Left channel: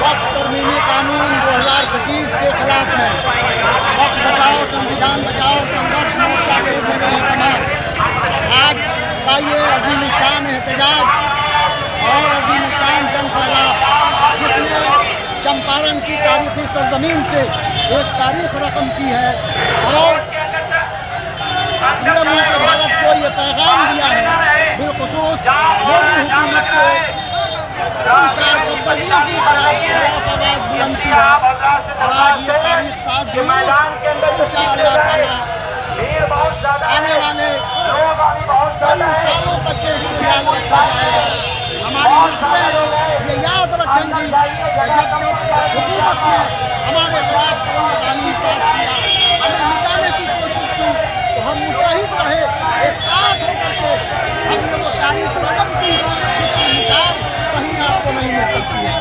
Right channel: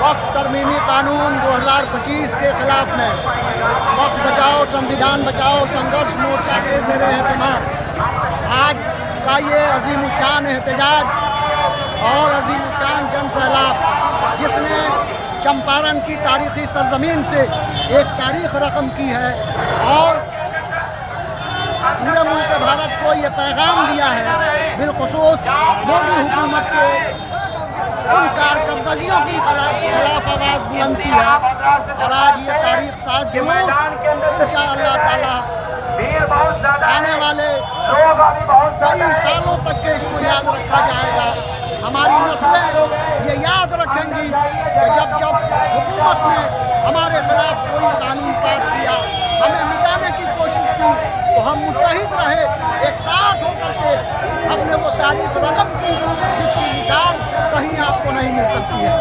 वक्फ तरमीमी कानून 2025 के खिलाफ में वक्फ बचाओ संविधान बचाओ संघर्ष मोर्चा के ज़ेर एहतमाम आज का ये अजीमुशान एहतजाज और अजीमुशान जन सैलाब जिसने चंपारण की तारीखी सरजमीन से एक तारीख रकम की है और पूरे मुल्क भारत को ये पैगाम दिया है, बिलखुसूस मोदी हुकूमत के उन कारकर्दगियों की खिलाफ आवाज़ बुलंद की है। और आज ये तारीख 7 जुलूस इंशाअल्लाह ताला आने वाले कई सालों तक के इसको याद रखा जाएगा। हमारी नस्लें ये याद रखेंगी कि जब हुकूमत ने हमारे खिलाफ कोई कानून पास किया, हमें मिटाने की कोशिश की, तो हम मुत्तहिद रहे, एक साथ होकर के हमने वो तारीख रकम की जिसकी मिसाल कहीं आपको नहीं मिल सकती है।